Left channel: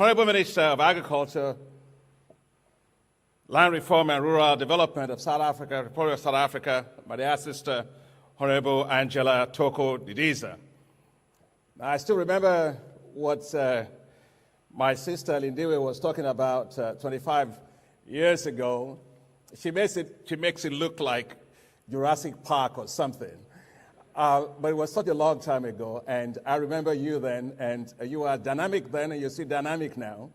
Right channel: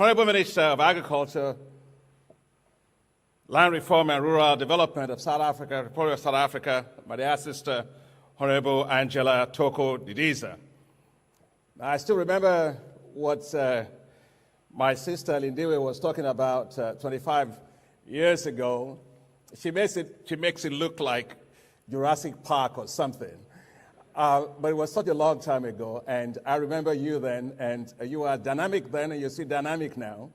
Honorable Minister of Agriculture, Land Reform and Rural Development of South Africa, Republic of South Africa, my dear sister, Honorable Angela Toko Didiza. I still remember what my sister Lindiwe was talking about 25 years ago. She makes it look like Jurassic Park or something. But it was such a long time ago, and I remember you then, and you were dynamic then, and you're still dynamic now.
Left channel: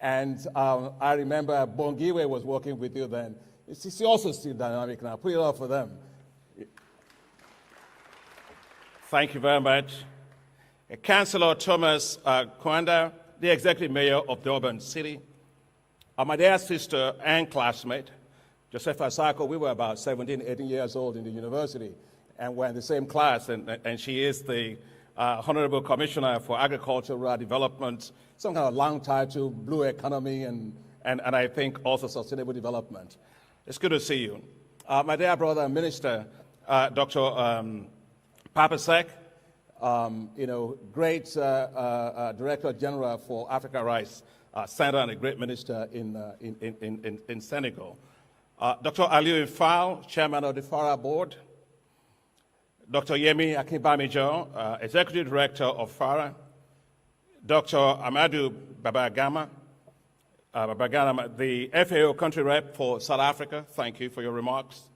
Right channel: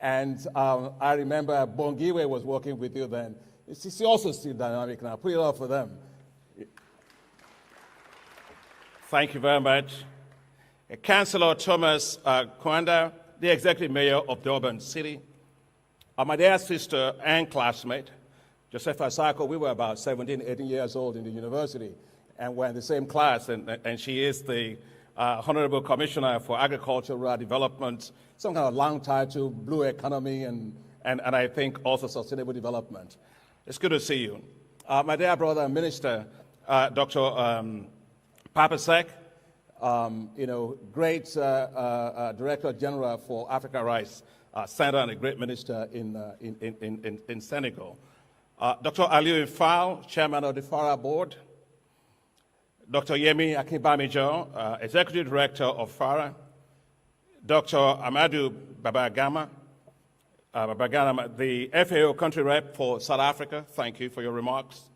And I remember Bongiwe was working with you then. She's also still dynamic now. Put it up for them. Thank you very much. Councillor Thomas Kwanda, the Executive Mayor of Durban City. My dear sister and classmate, Joseph Asako, we were about 17, 18 years old in the university, and we're in the same class, and she is the Honorable Commissioner for Agriculture, Rural Development, some kind of long title, blue economy, and I think also sustainable development. It's good to see you. My dear brother and minister, Dr. Papasek, great Director General for Africa Rice Center and a great minister in Senegal. Dr. Aliou Fall, Chairman of the FARA Board. Dr. Yemi Akinbamijo, Executive Director of FARA. Dr. Amadou Babagama, the FAO Country Rep for South Africa. Thank you for your remarks.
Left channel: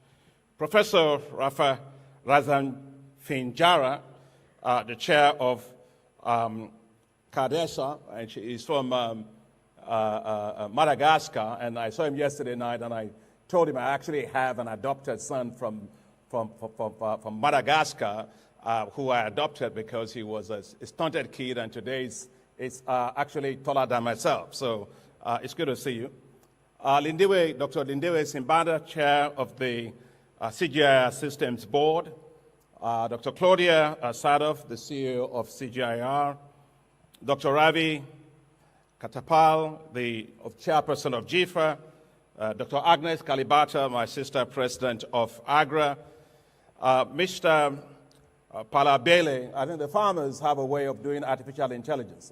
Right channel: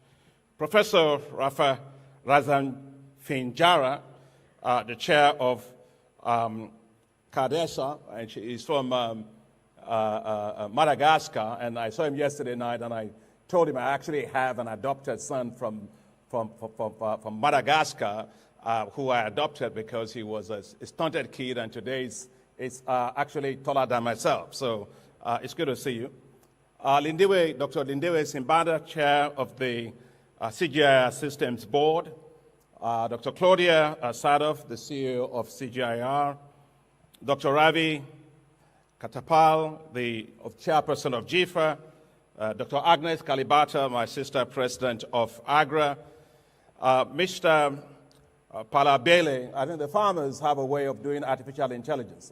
Professor Rafa Razanfinjara, the chair of CADESA, and she is from Madagascar, and I saw him yesterday night, and I told him I actually have an adopted son from Madagascar, who I adopted because he was a stunted kid, and today is actually taller than myself. So it's good to see you. Dr. Lindiwe Simbanda, chair of the CGIR Systems Board. Dr. Claudia Sadov, the CEO of CGIR. Dr. Ravi Katapal, the chairperson of GIFA. Dr. Agnes Kalibata, my sister, president of AGRA. Mr. Palabele, I think the farmers have a way of doing artificial intelligence.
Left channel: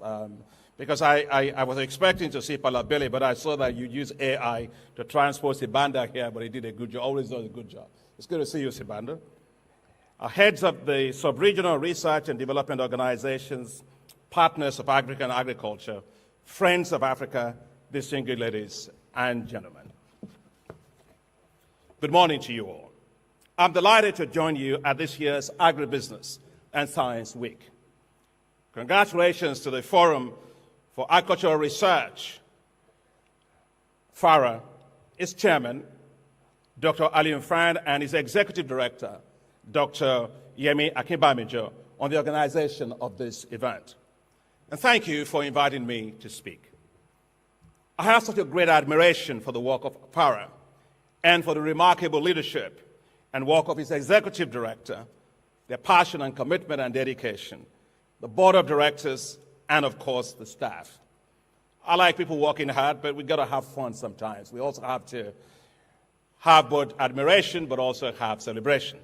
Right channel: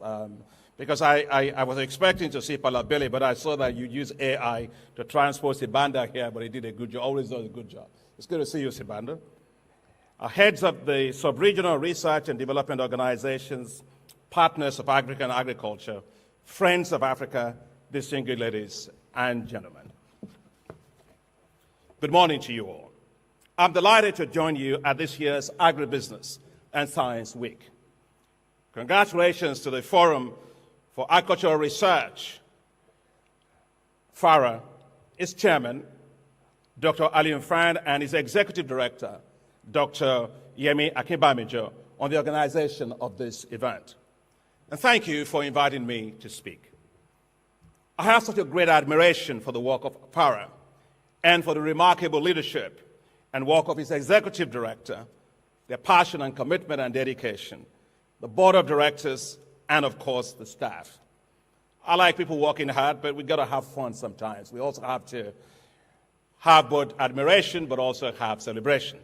Because I was expecting to see Palabele, but I saw that you use AI to transport Sibanda here, but he did a good job, always does a good job. It's good to see you, Sibanda. Heads of the sub-regional research and development organizations, partners of African agriculture, friends of Africa, distinguished ladies and gentlemen. Good morning to you all. I'm delighted to join you at this year's Agribusiness and Science Week. Congratulations to the Forum for Agricultural Research, FARA, its chairman, Dr. Aliou Fall, and his executive director, Dr. Yemi Akinbamijo, on the organization of this event. And thank you for inviting me to speak. I have such a great admiration for the work of FARA and for the remarkable leadership and work of its executive director, their passion and commitment and dedication, the board of directors, and of course, the staff. I like people working hard, but we've got to have fun sometimes. We also have to have both admiration, but also have celebration.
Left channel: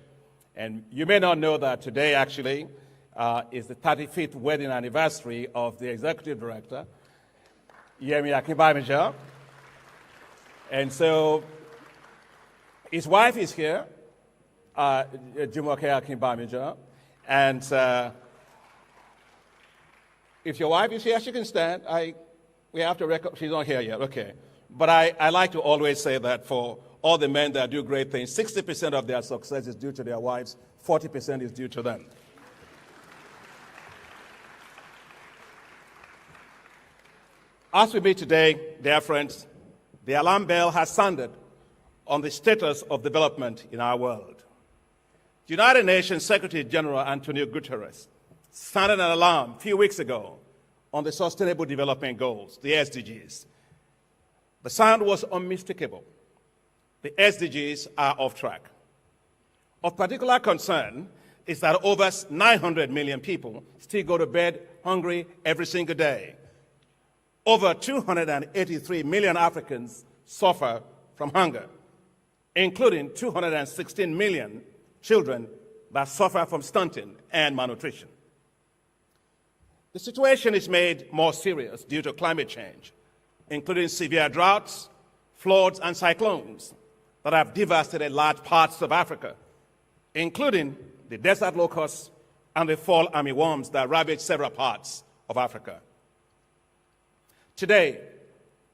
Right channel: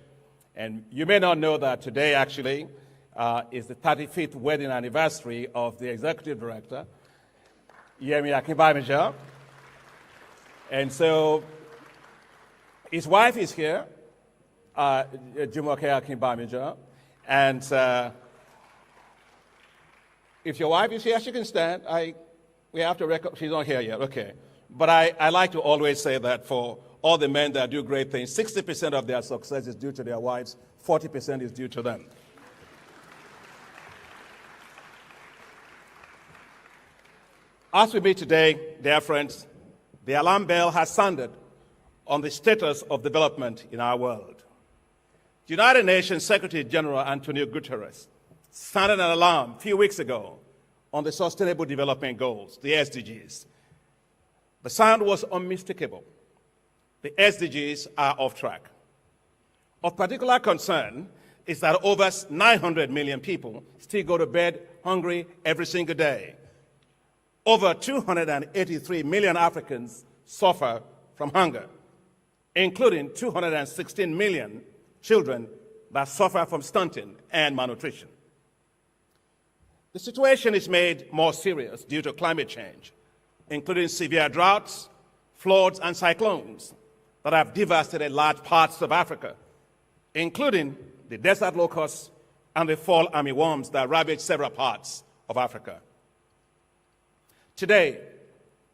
And you may not know that today actually is the 35th wedding anniversary of the executive director, Yemi Akinbamijo. And so his wife is here, Jumoke Akinbamijo. And if your wife is here, she can stand. We have to record, she's not here yet, okay. But I like to always say that for all the men that do great things, 60% of their success is due to their wives, 40% is due to them. As we meet today, dear friends, the alarm bell has sounded on the status of development in our world. The United Nations Secretary General Antonio Guterres sounded an alarm a few weeks ago on the Sustainable Development Goals, the SDGs. The sound was unmistakable. The SDGs are off track. Of particular concern is that over 900 million people still go to bed hungry every single day. Over 283 million Africans suffer from hunger, including 216 million children that suffer from stunting and malnutrition. The situation is made more serious due to climate change, including severe droughts, floods, and cyclones that have devastated large parts of Africa, including the desert locusts and the fall armyworms that ravage several parts of Africa. Today,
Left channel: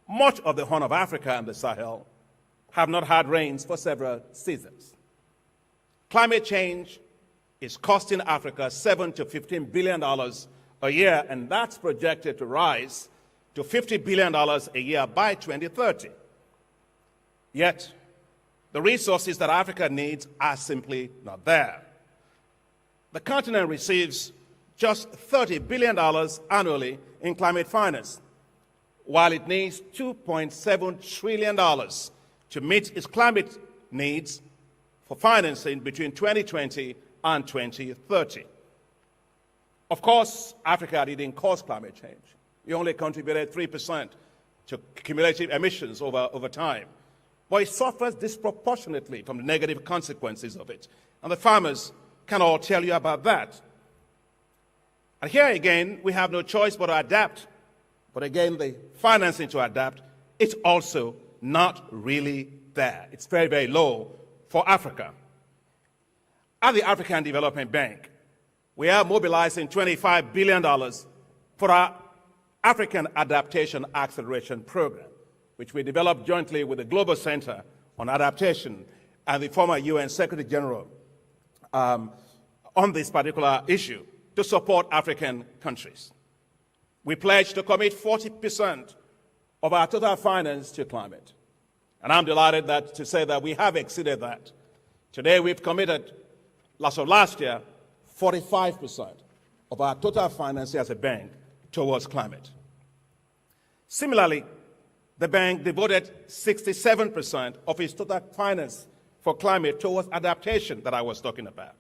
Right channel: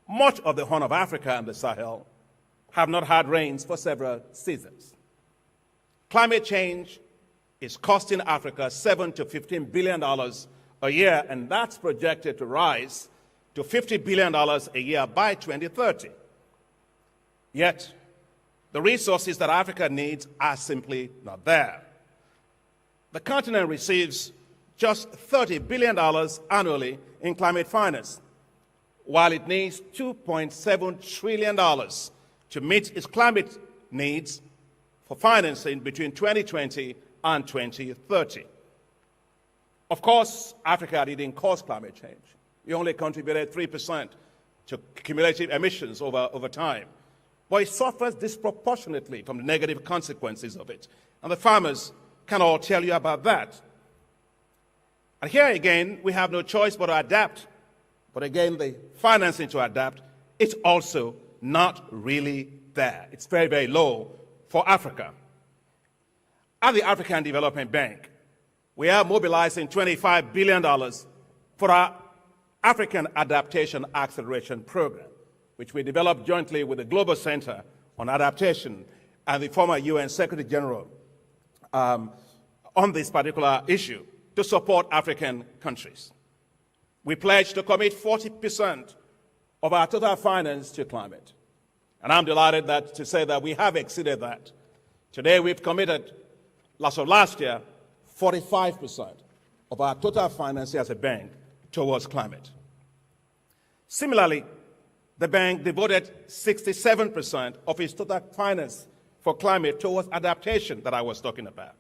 much of the Horn of Africa and the Sahel have not had rains for several seasons. Climate change is costing Africa $7 to $15 billion a year, and that's projected to rise to $50 billion a year by 2030. Yet, the resources that Africa needs are simply not there. The continent receives just $30 billion annually in climate finance, while it needs $2.7 trillion to meet its climate needs for financing between 2020 and 2030. Of course, Africa didn't cause climate change. It only contributed 3% to cumulative emissions over time. But it suffers disproportionately from the negative consequences of it. And the farmers can all tell you about that. And here again, we have no choice but to adapt. But again, the financing to adapt, it's also not really there. It's very, very low for Africa. At the African Development Bank, we are mobilizing $25 billion for our African Adaptation Acceleration Program, which we developed jointly with the Global Center on Adaptation and the former UN Secretary General on this particular issue to support African countries. We pledged to commit 40% of our total finance to climate. And I'm delighted to say that we have exceeded that. Today we've committed, last year, 45% of our total finance as a bank towards climate. Similarly, the bank devoted 67% of its total finance for climate towards adaptation that I was talking about.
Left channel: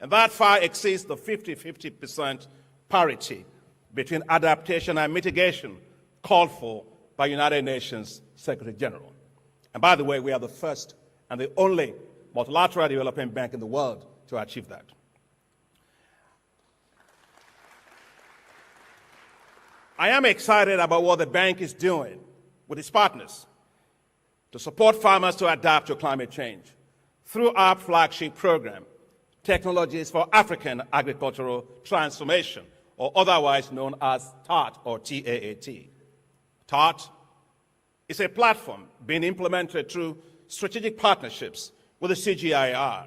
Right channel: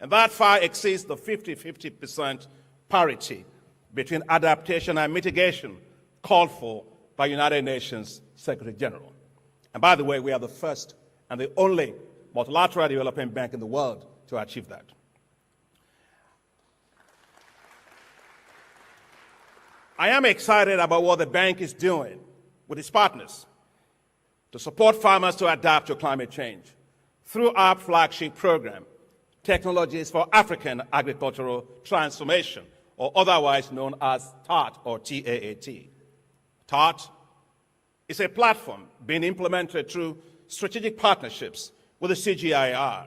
And that far exceeds the 50-50% parity between adaptation and mitigation called for by United Nations Secretary General. And by the way, we are the first and the only multilateral development bank in the world to achieve that. I am excited about what the bank is doing with its partners to support farmers to adapt to climate change through our flagship program, Technologies for African Agricultural Transformation, or otherwise known as TAAT, or T-A-A-T. TAAT is a platform being implemented through strategic partnerships with the CGIAR,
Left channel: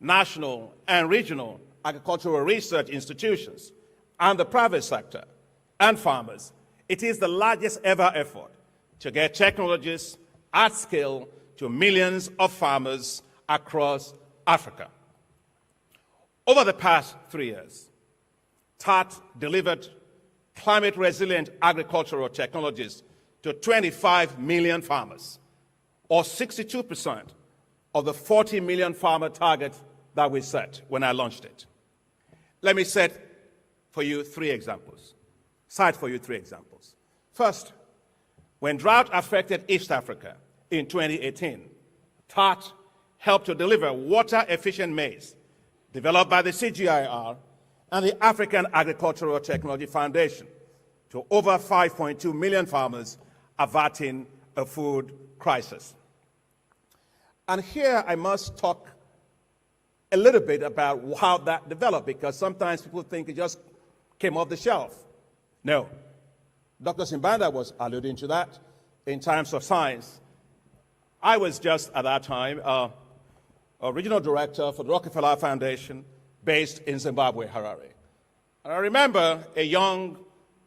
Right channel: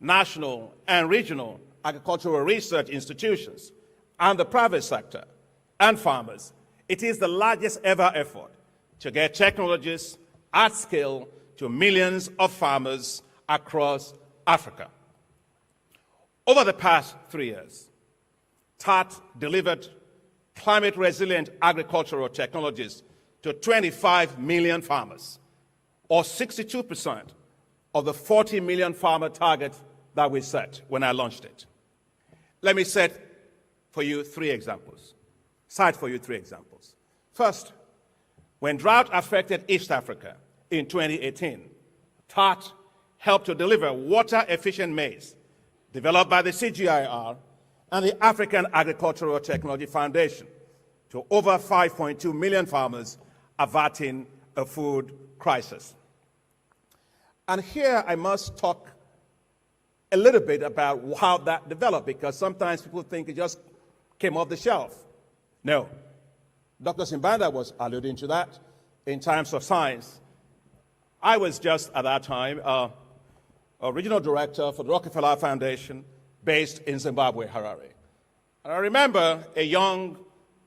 national and regional agricultural research institutions, and the private sector and farmers. It is the largest ever effort to get technologies at scale to millions of farmers across Africa. Over the past 3 years, TAAT delivered climate-resilient agricultural technologies to 25 million farmers, or 62% of the 40 million farmer target that we set when I launched it. Let me cite for you three examples. First, when drought affected East Africa in 2018, TAAT helped to deliver water-efficient maize developed by the CGIAR and the African Agricultural Technology Foundation to over 5.2 million farmers, averting a food crisis. And here I must talk a little bit about how that developed, because sometimes people think it just came off the shelf. No. Dr. Simbanda was alluding to that in Times of Science. I was just at that time a regional director for the Rockefeller Foundation based in Zimbabwe, Harare. And I remember a young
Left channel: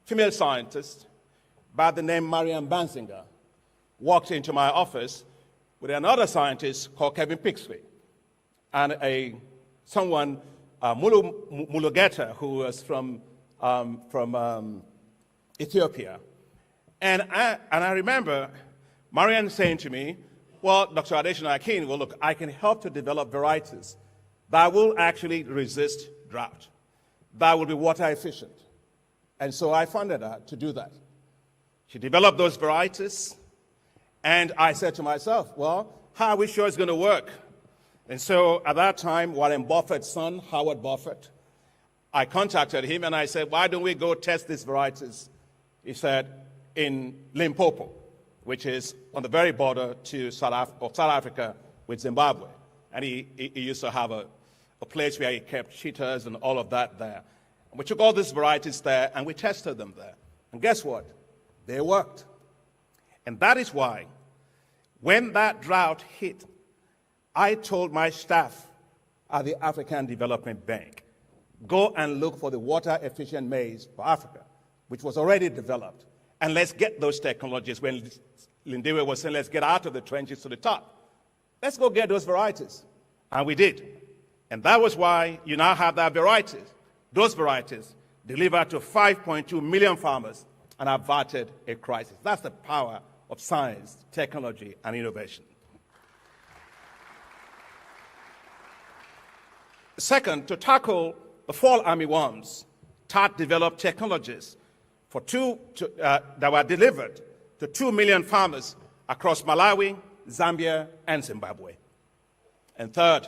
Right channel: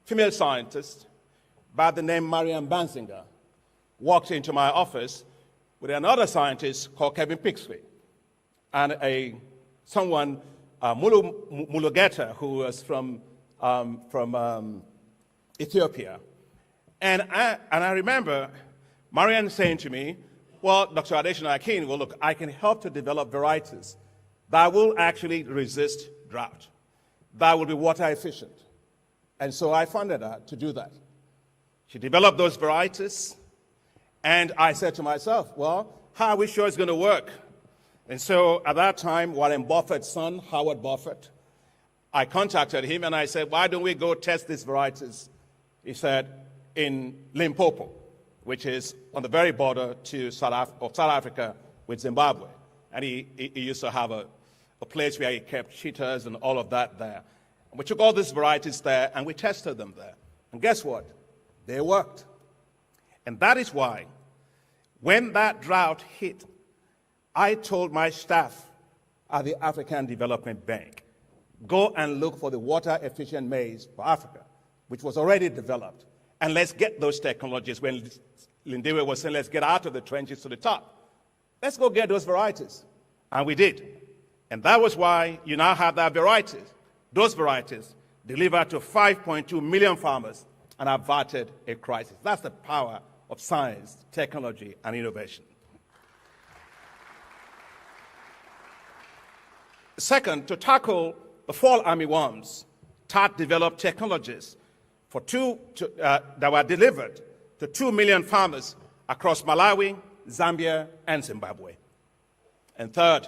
female scientist by the name Marianne Banzinger walked into my office with another scientist called Kevin Pixley and someone, Mulu Mulugeta, who was from Ethiopia. And I remember Marianne saying to me, well, Dr. Adesina Akinwumi, well, look, I can help to develop varieties that will actually resist drought, that will be water efficient. And so I funded her to do that. She developed those varieties, and I said to myself, well, how are we sure it's going to work? And so at that time, Warren Buffett's son, Howard Buffett, I contacted him and I said, why don't we go test these varieties? He said, in Limpopo, which is on the very border to South Africa with Zimbabwe. And he used to have a place where he kept cheetahs and all of that there. And we took all these varieties there and we tested them there. And guess what? They worked. And that is why when that drought hit, I told my staff at the African Development Bank, go and look for the water-efficient maize for Africa, which was already developed. And let's get those technologies. When Lindiwe was saying, let's get out of the trenches to the top. Let's go get those varieties. And we did. And that was why you now have that varieties. Those varieties delivered to 5.2 million farmers and averted a crisis. That's the power of science, technology, and innovation. Second, to tackle the fall armyworms, TAT developed technologies that were delivered to 2 million farmers across Malawi, Zambia, and Zimbabwe. And third,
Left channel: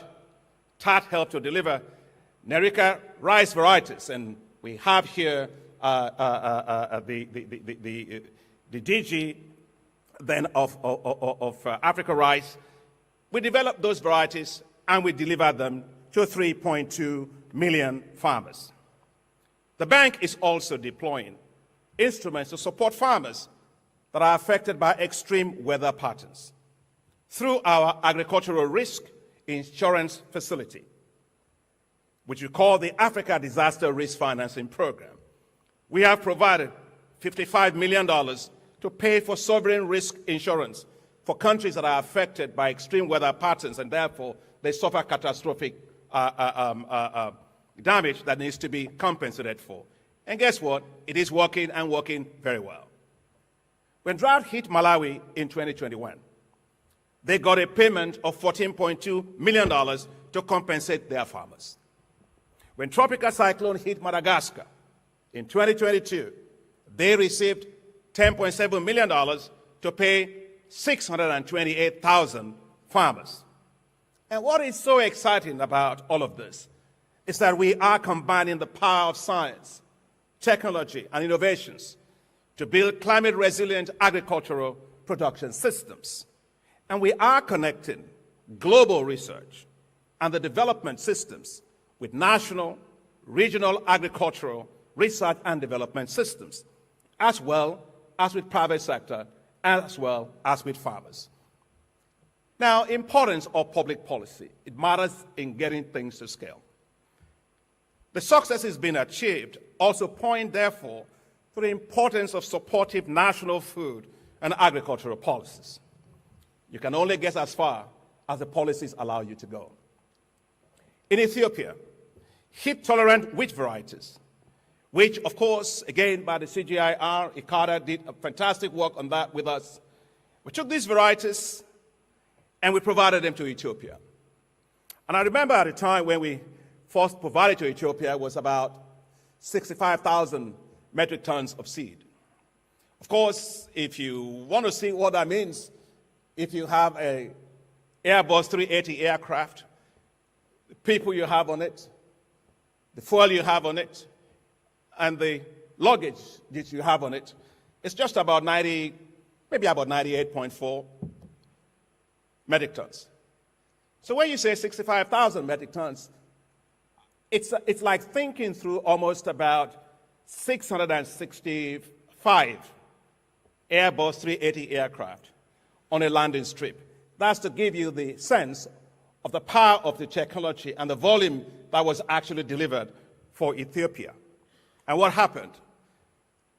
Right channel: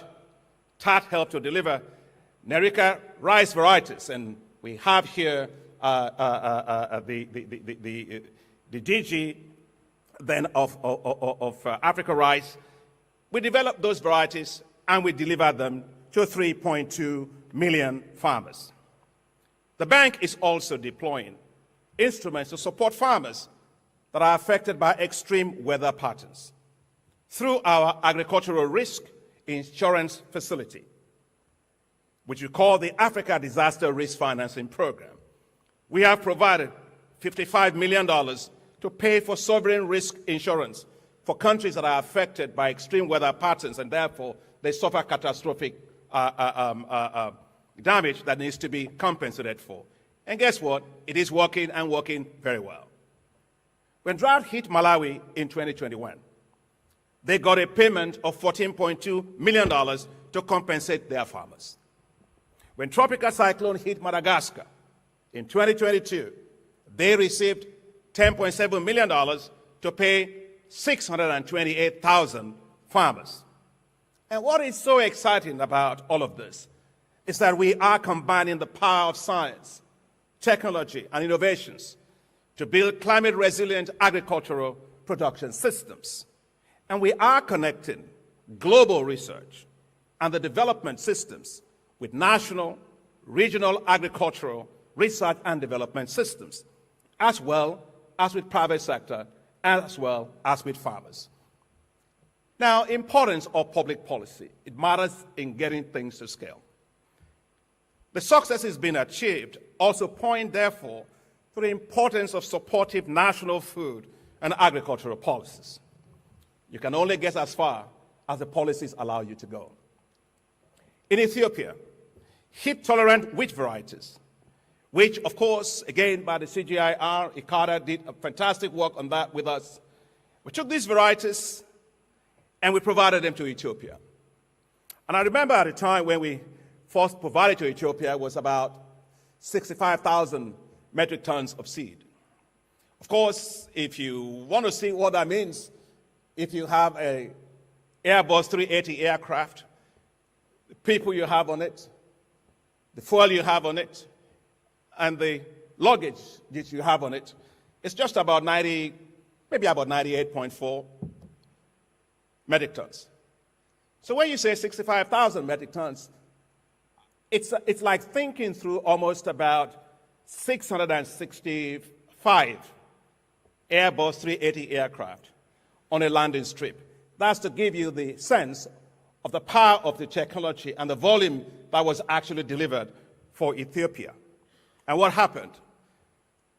TAT helped to deliver Nerika rice varieties, and we have here the DG then of Africa Rice. We developed those varieties and we delivered them to 3.2 million farmers. The bank is also deploying instruments to support farmers that are affected by extreme weather patterns through our agricultural risk insurance facility, which we call the Africa Disaster Risk Financing Program. We have provided $55 million to pay for sovereign risk insurance for countries that are affected by extreme weather patterns and therefore they suffer catastrophic damage that needs to be compensated for. And guess what? It is working and working very well. When drought hit Malawi in 2021, they got a payment of $14.2 million to compensate their farmers. When tropical cyclone hit Madagascar in 2022, they received $10.7 million to pay 628,000 farmers. And what is so exciting about all of this is that we are combining the power of science, technology, and innovations to build climate-resilient agricultural production systems. And we are connecting global research and the development systems with national, regional agricultural research and development systems, as well as with private sector, as well as with farmers. Now, importance of public policy. It matters in getting things to scale. The successes being achieved also point, therefore, to the importance of supportive national food and agricultural policies. You can only get as far as the policies allow you to go. In Ethiopia, heat-tolerant wheat varieties, which, of course, again, by the CGIAR, ICADA did a fantastic work on that with us. We took these varieties and we provided them to Ethiopia. And I remember at the time when we first provided to Ethiopia was about 65,000 metric tons of seed. Of course, if you want to see what that means, if you have a Airbus 380 aircraft, the people you have on it, the fuel you have on it, and the luggage that you have on it, it's just about 90, maybe about 98.4 metric tons. So when you say 65,000 metric tons, it's like thinking through almost about 665 Airbus 380 aircraft on a landing strip. That's to give you the sense of the power of the technology and the volume that was actually delivered for Ethiopia. And what happened?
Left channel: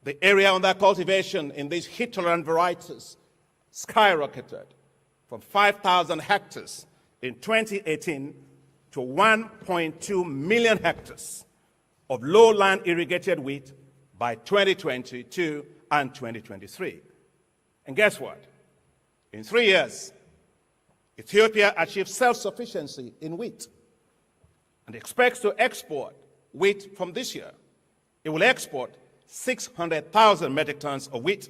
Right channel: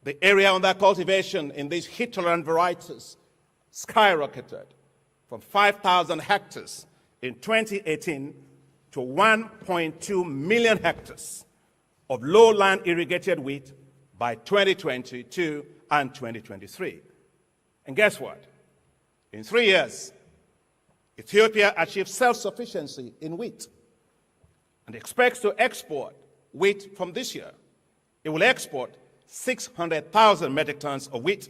The area under cultivation in these heat-tolerant varieties skyrocketed from 5,000 hectares in 2018 to 1.2 million hectares of lowland irrigated wheat by 2022 and 2023. And guess what? In 3 years, Ethiopia achieved self-sufficiency in wheat and expects to export wheat from this year. It will export 600,000 metric tons of wheat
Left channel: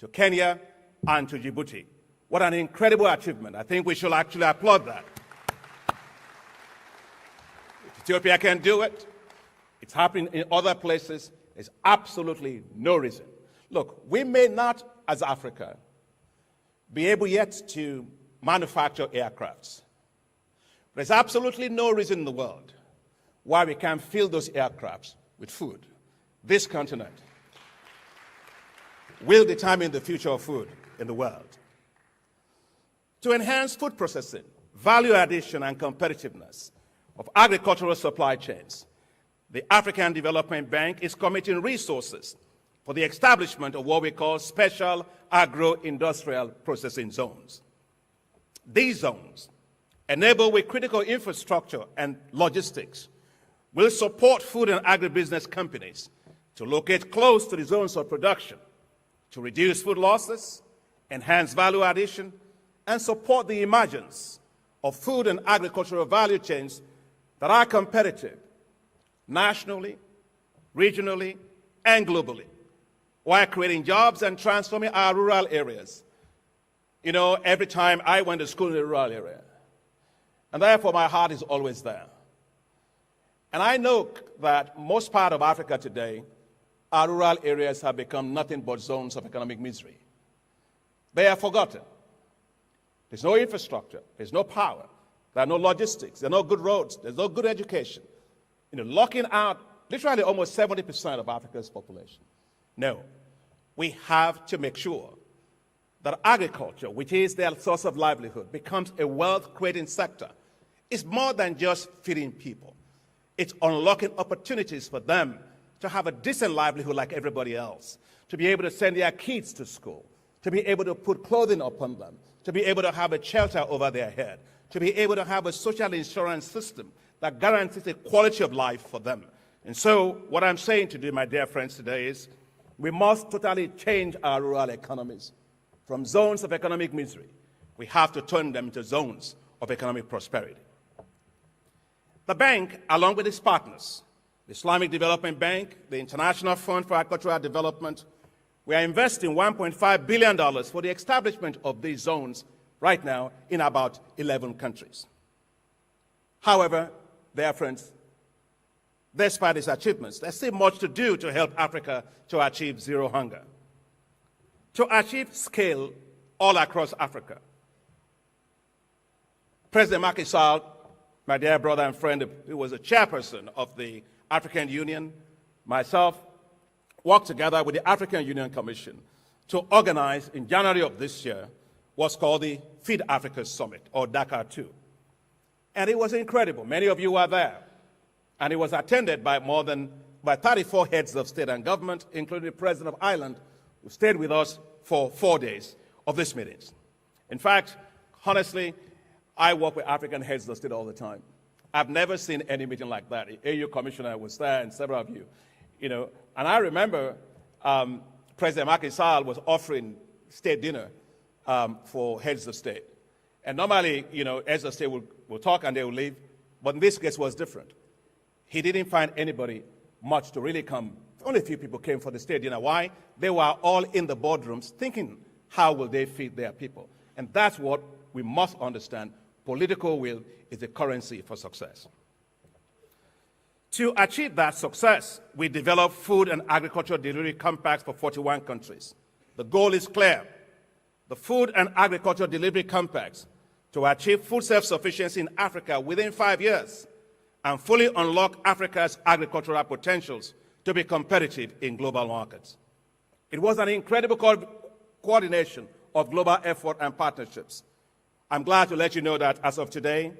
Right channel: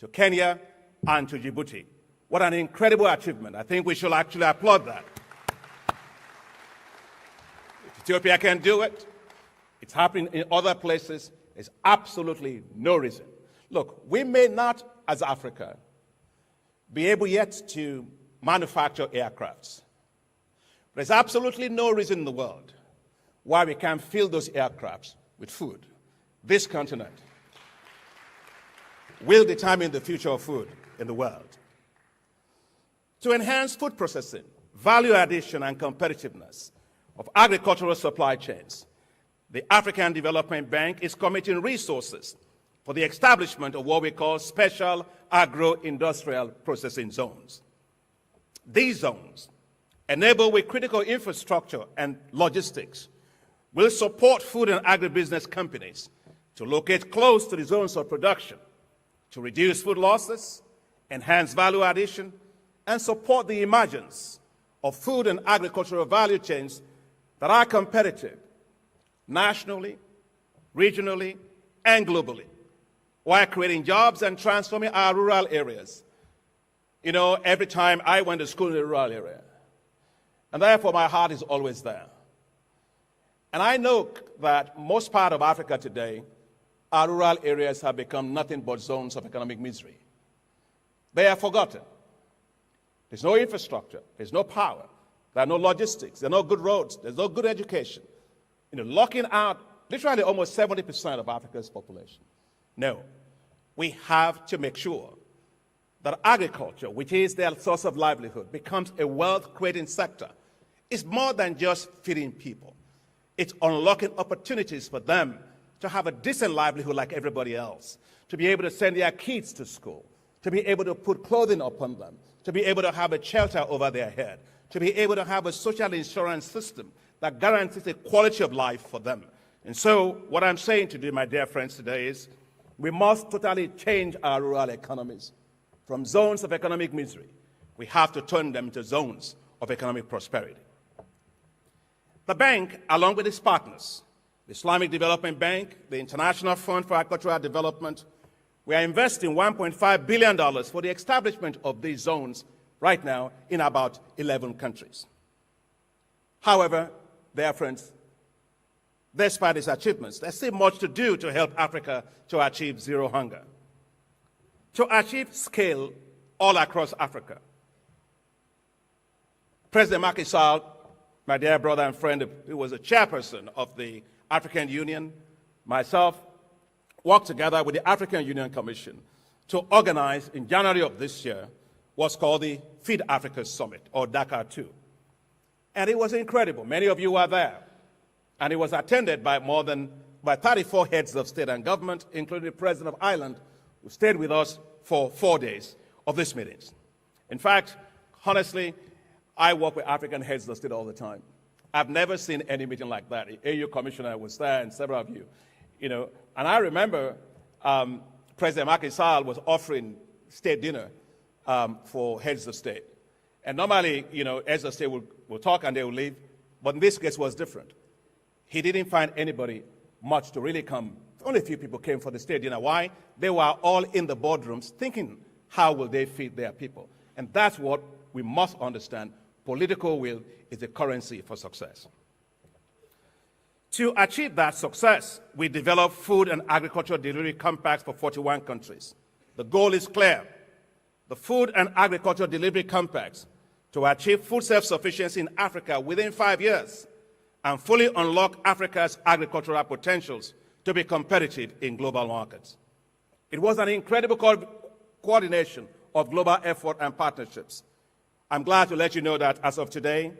to Kenya and to Djibouti. What an incredible achievement. I think we should actually applaud that. If Ethiopia can do it, It's happening in other places. There's absolutely no reason. Look, we may not, as Africa, be able yet to manufacture aircrafts. There's absolutely no reason in the world why we can't fill those aircrafts with food. This continent will determine the future of food in the world. To enhance food processing, value addition, and competitiveness of agricultural supply chains, the African Development Bank is committing resources for the establishment of what we call special agro-industrial processing zones. These zones, enabled with critical infrastructure and logistics, will support food and agribusiness companies to locate close to the zones of production, to reduce food losses, enhance value addition, and support the emergence of food and agricultural value chains that are competitive nationally, regionally, and globally, while creating jobs and transforming our rural areas. You know, every time I went to school in a rural area, and therefore my heart is always there. And I know that most part of Africa today, our rural areas have become nothing but zones of economic misery. They are forgotten. There's no infrastructure, there's no power, there are no logistics, there are no good roads, there's no good education. You know, locking out literally almost 70% of Africa's population. No, we have to make sure that agriculture, which is their source of livelihood, becomes a wealth-creating sector. It's more than just feeding people. It's unlocking opportunities for them to have a decent livelihood like everybody else, to be able to send their kids to school, to be able to put clothing upon them, to be able to have a shelter over their head, to be able to have a social insurance system that guarantees a quality of life for them. And so what I'm saying to you, my dear friends, today is we must totally change our rural economies from zones of economic misery. We have to turn them into zones of economic prosperity. The bank, along with its partners, the Islamic Development Bank, the International Fund for Agricultural Development, we are investing $1.5 billion for the establishment of these zones right now in about 11 countries. However, dear friends, despite these achievements, there's still much to do to help Africa to achieve zero hunger. To achieve scale all across Africa, President Macky Sall, my dear brother and friend who was a chairperson of the African Union, myself, worked together with the African Union Commission to organize in January of this year what's called the Feed Africa Summit, or Dakar 2. And it was incredible. Many of you were there. And it was attended by 34 heads of state and government, including the President of Ireland, who stayed with us for 4 days of these meetings. In fact, honestly, I work with African heads of state all the time. I've never seen any meeting like that. The AU Commissioner was there, and several of you. You know, and I remember President Macky Sall was offering state dinner for heads of state. And normally, you know, heads of state will talk and they will leave. But in this case, it was different. He didn't find anybody much to really come. Only a few people came for the state dinner. Why? They were all in the boardrooms thinking, how will they feed their people? And that's what we must understand. Political will is the currency for success. To achieve that success, we developed food and agricultural delivery compacts for 41 countries. The goal is clear. The food and agricultural delivery compacts to achieve food self-sufficiency in Africa within 5 years and fully unlock Africa's agricultural potentials to be competitive in global markets. It was an incredible coordination of global effort and partnerships. I'm glad to let you know that as of today,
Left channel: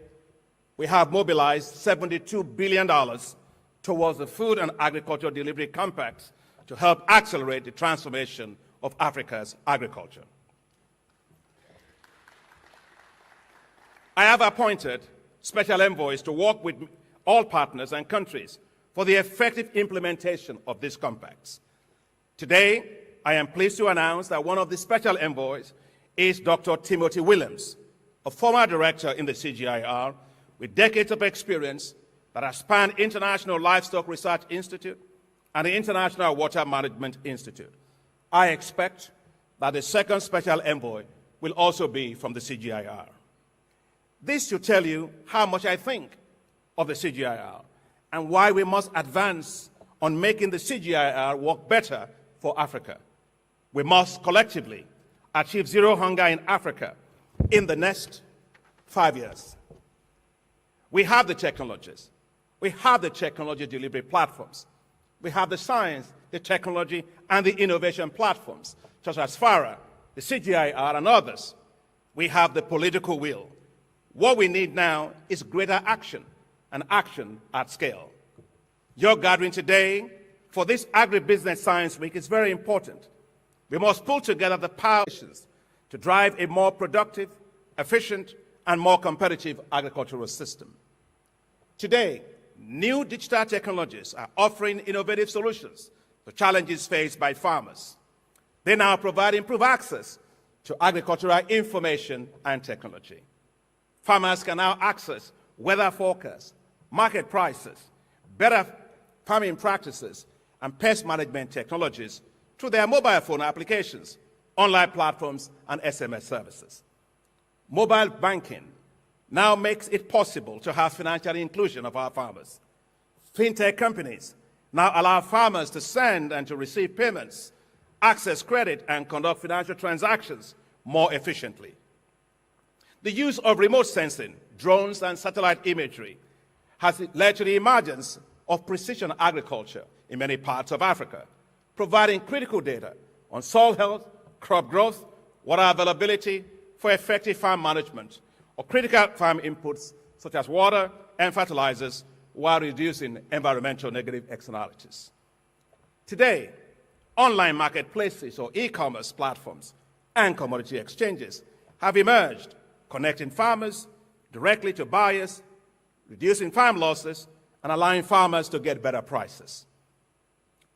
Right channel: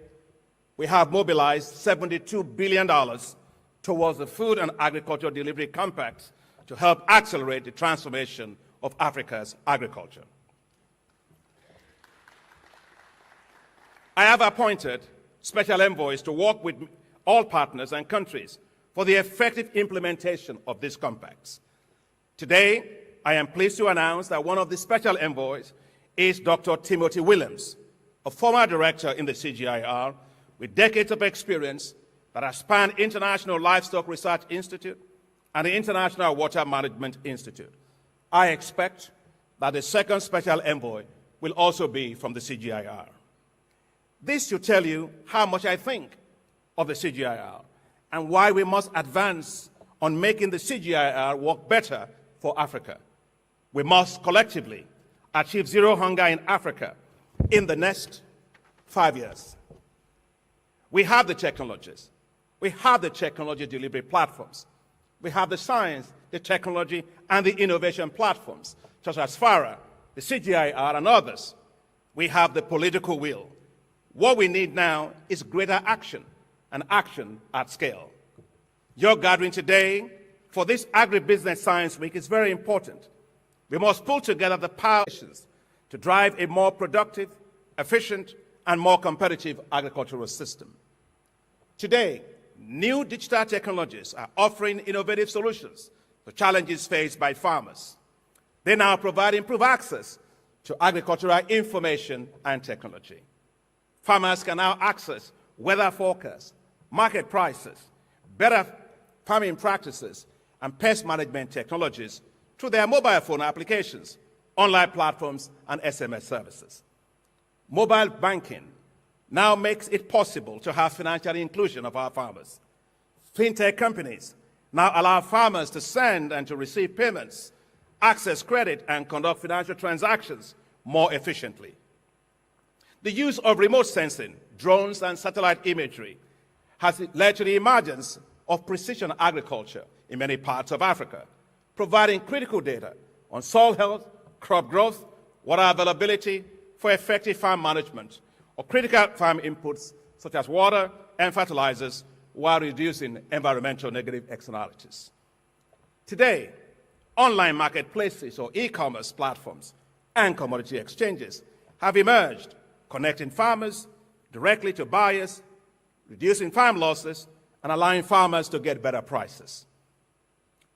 we have mobilized $72 billion towards the food and agricultural delivery compacts to help accelerate the transformation of Africa's agriculture. I have appointed special envoys to work with all partners and countries for the effective implementation of these compacts. Today, I am pleased to announce that one of the special envoys is Dr. Timothy Williams, a former director in the CGIAR with decades of experience that has spanned International Livestock Research Institute and the International Water Management Institute. I expect that the second special envoy will also be from the CGIAR. This should tell you how much I think of the CGIAR and why we must advance on making the CGIAR work better for Africa. We must collectively achieve zero hunger in Africa in the next 5 years. We have the technologies. We have the technology delivery platforms. We have the science, the technology, and the innovation platforms, such as FARA, the CGIAR, and others. We have the political will. What we need now is greater action, and action at scale. Your gathering today for this Agribusiness Science Week is very important. We must pull together the power to drive a more productive, efficient, and more competitive agricultural system. Today, new digital technologies are offering innovative solutions to challenges faced by farmers. They now provide improved access to agricultural information and technology. Farmers can now access weather forecasts, market prices, better farming practices, and pest management technologies through their mobile phone applications, online platforms, and SMS services. Mobile banking now makes it possible to have financial inclusion of our farmers. Fintech companies now allow farmers to send and to receive payments, access credit, and conduct financial transactions more efficiently. The use of remote sensing, drones, and satellite imagery has led to the emergence of precision agriculture in many parts of Africa, providing critical data on soil health, crop growth, water availability for effective farm management of critical farm inputs such as water and fertilizers, while reducing environmental negative externalities. Today, online marketplaces or e-commerce platforms and commodity exchanges have emerged, connecting farmers directly to buyers, reducing farm losses, and allowing farmers to get better prices.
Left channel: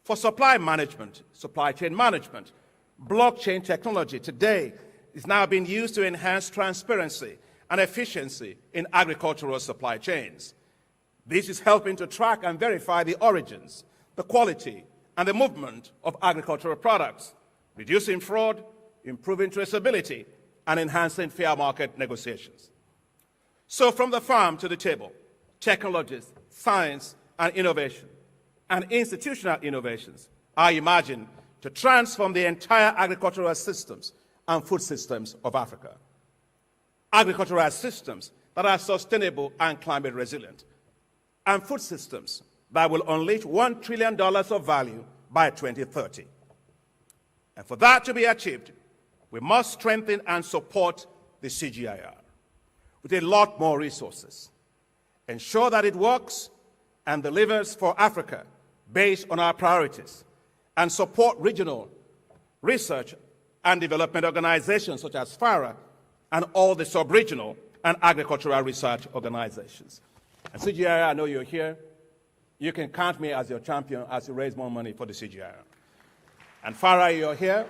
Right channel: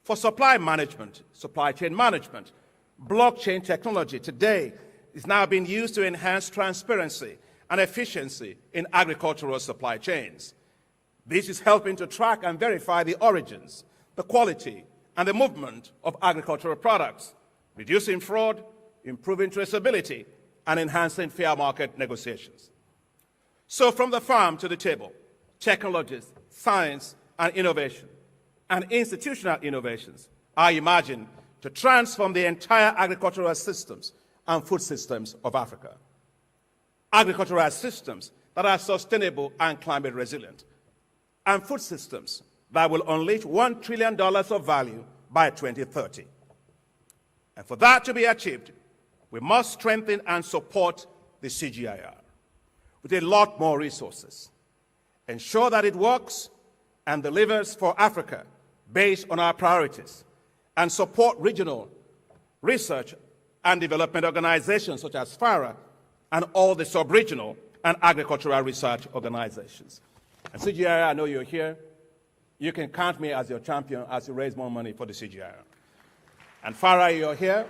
For supply management, supply chain management, blockchain technology today is now being used to enhance transparency and efficiency in agricultural supply chains. This is helping to track and verify the origins, the quality, and the movement of agricultural products, reducing fraud, improving traceability, and enhancing fair market negotiations. So from the farm to the table, technologies, science, and innovation, and institutional innovations are imagined to transform the entire agricultural systems and food systems of Africa. Agricultural systems that are sustainable and climate resilient, and food systems that will unleash $1 trillion of value by 2030. And for that to be achieved, we must strengthen and support the CGIAR with a lot more resources, ensure that it works and delivers for Africa based on our priorities, and support regional research and development organizations such as FARA and all the sub-regional and agricultural research organizations. And CGIAR, I know you're here. You can count me as your champion as you raise more money for the CGIAR. And FARA, you're here.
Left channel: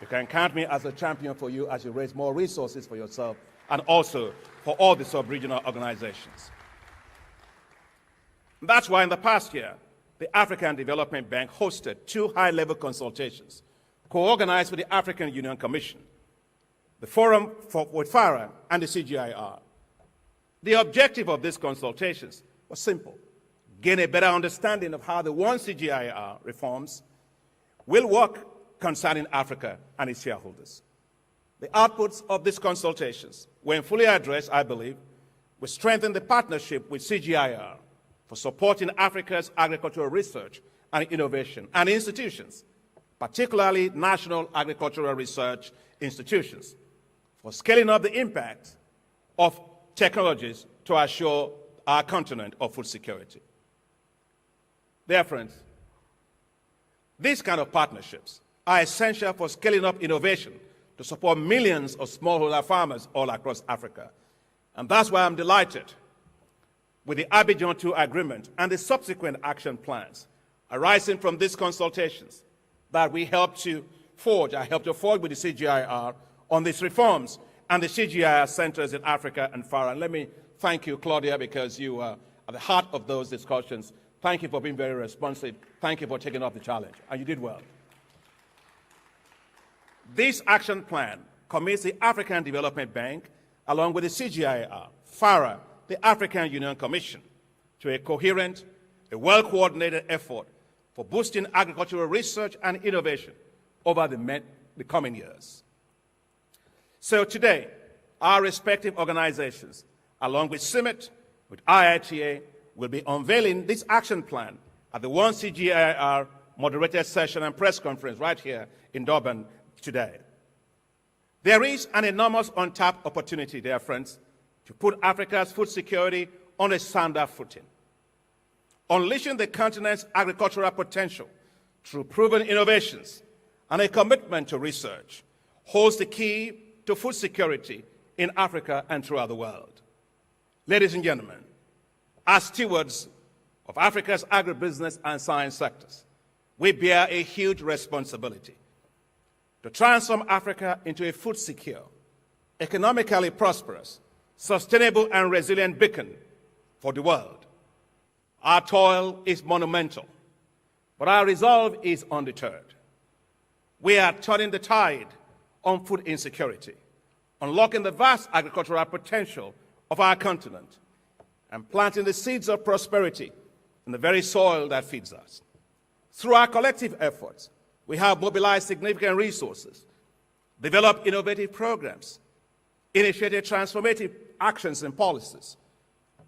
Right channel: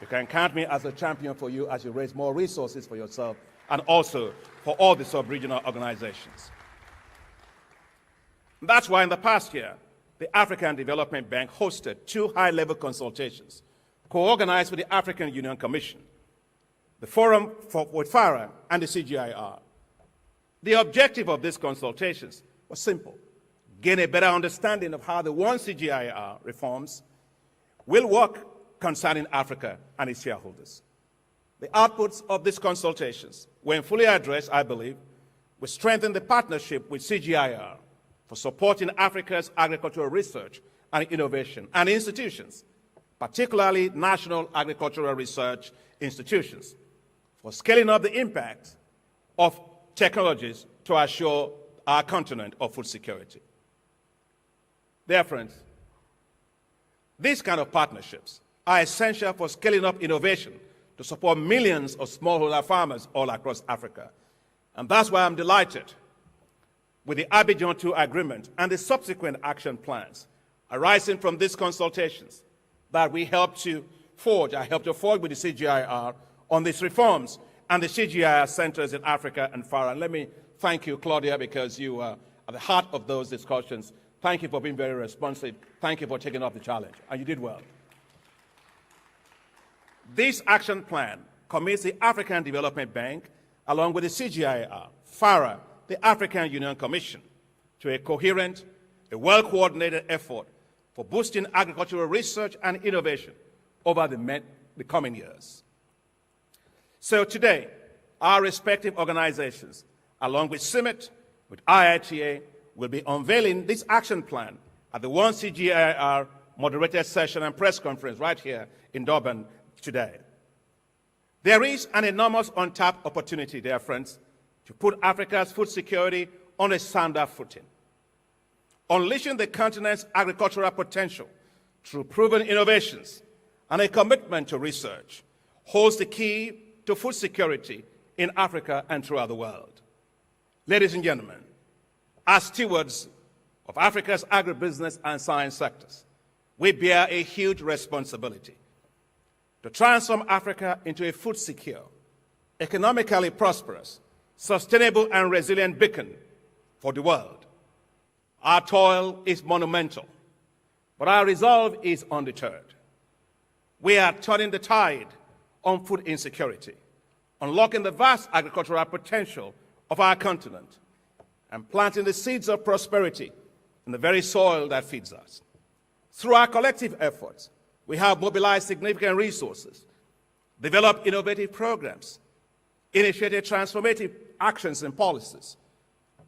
You can count me as a champion for you as you raise more resources for yourself and also for all the sub-regional organizations. That's why in the past year, the African Development Bank hosted 2 high-level consultations co-organized with the African Union Commission, the Forum with FARA, and the CGIAR. The objective of these consultations was simple: gain a better understanding of how the one CGIAR reforms will work concerning Africa and its shareholders. The outputs of these consultations, when fully addressed, I believe, will strengthen the partnership with CGIAR for supporting Africa's agricultural research and innovation and institutions, particularly national agricultural research institutions, for scaling up the impact of technologies to assure our continent of food security. Dear friends, these kind of partnerships are essential for scaling up innovation to support millions of smallholder farmers all across Africa. And that's why I'm delighted with the Abidjan II Agreement and the subsequent action plans arising from these consultations that we helped to forge with the CGIAR on these reforms and the CGIAR centers in Africa and FARA. And let me thank you, Claudia, because you are at the heart of those discussions. Thank you for being very responsive. Thank you for taking up the challenge, and you did well. This action plan commits the African Development Bank, along with the CGIAR, FARA, the African Union Commission, to a coherent a well-coordinated effort for boosting agricultural research and innovation over the coming years. So today, our respective organizations, along with CIMMYT, with IITA, will be unveiling this action plan at the 1CGIAR moderated session and press conference right here in Durban today. There is an enormous untapped opportunity, dear friends, to put Africa's food security on a sounder footing. Unleashing the continent's agricultural potential through proven innovations and a commitment to research holds the key to food security in Africa and throughout the world. Ladies and gentlemen, as stewards of Africa's agribusiness and science sectors, we bear a huge responsibility to transform Africa into a food secure, economically prosperous, sustainable and resilient beacon for the world. Our toil is monumental, but our resolve is undeterred. We are turning the tide on food insecurity, unlocking the vast agricultural potential of our continent, and planting the seeds of prosperity in the very soil that feeds us. Through our collective efforts, we have mobilized significant resources, developed innovative programs, initiated transformative actions and policies.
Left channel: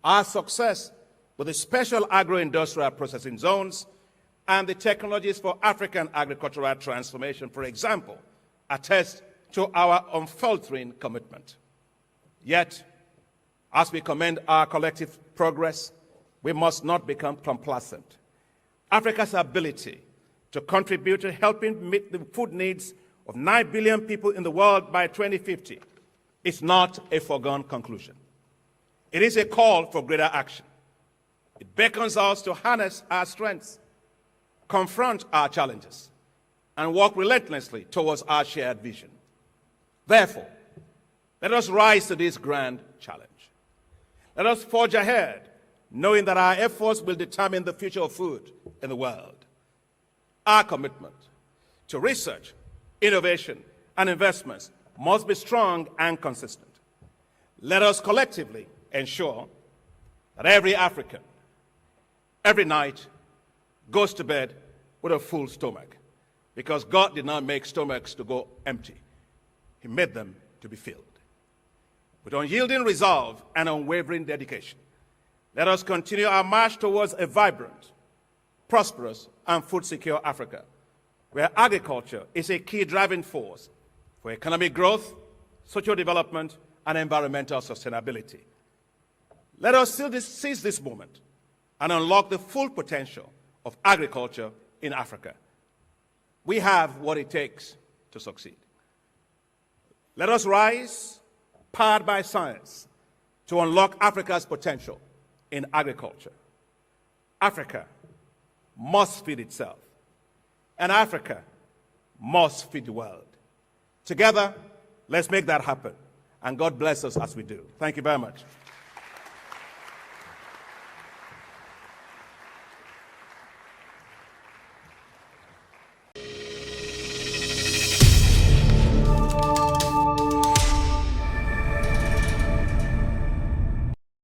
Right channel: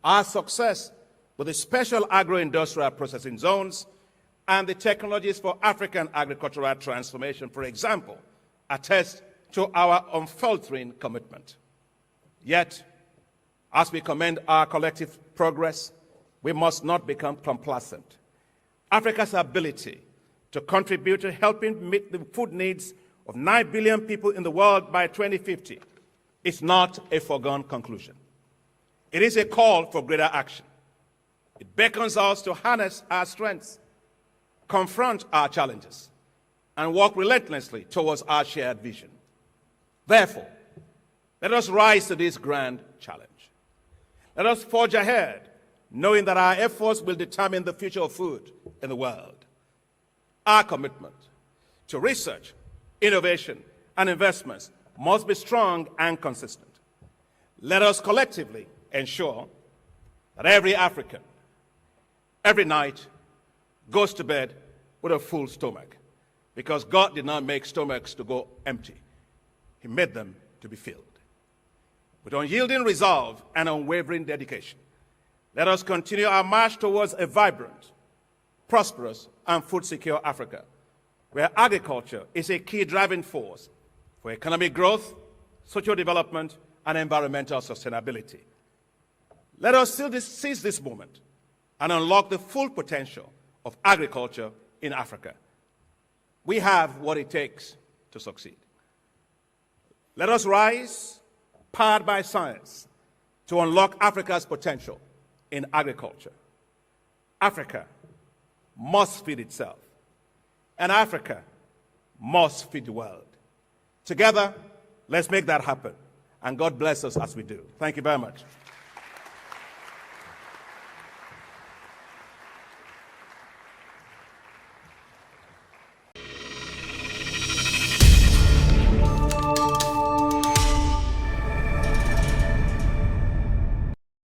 Our success with the special agro-industrial processing zones and the technologies for African agricultural transformation, for example, attest to our unfaltering commitment. Yet, as we commend our collective progress, we must not become complacent. Africa's ability to contribute to helping meet the food needs of 9 billion people in the world by 2050 is not a foregone conclusion. It is a call for greater action. It beckons us to harness our strengths, confront our challenges, and work relentlessly towards our shared vision. Therefore, let us rise to this grand challenge. Let us forge ahead, knowing that our efforts will determine the future of food in the world. Our commitment to research, innovation, and investments must be strong and consistent. Let us collectively ensure that every African, every night, goes to bed with a full stomach, because God did not make stomachs to go empty. He made them to be filled. With unyielding resolve and unwavering dedication, let us continue our march towards a vibrant, prosperous, and food-secure Africa, where agriculture is a key driving force for economic growth, social development, and environmental sustainability. Let us seize this moment and unlock the full potential of agriculture in Africa. We have what it takes to succeed. Let us rise, powered by science, to unlock Africa's potential in agriculture. Africa must feed itself, and Africa must feed the world. Together, let's make that happen, and God bless us as we do. Thank you very much.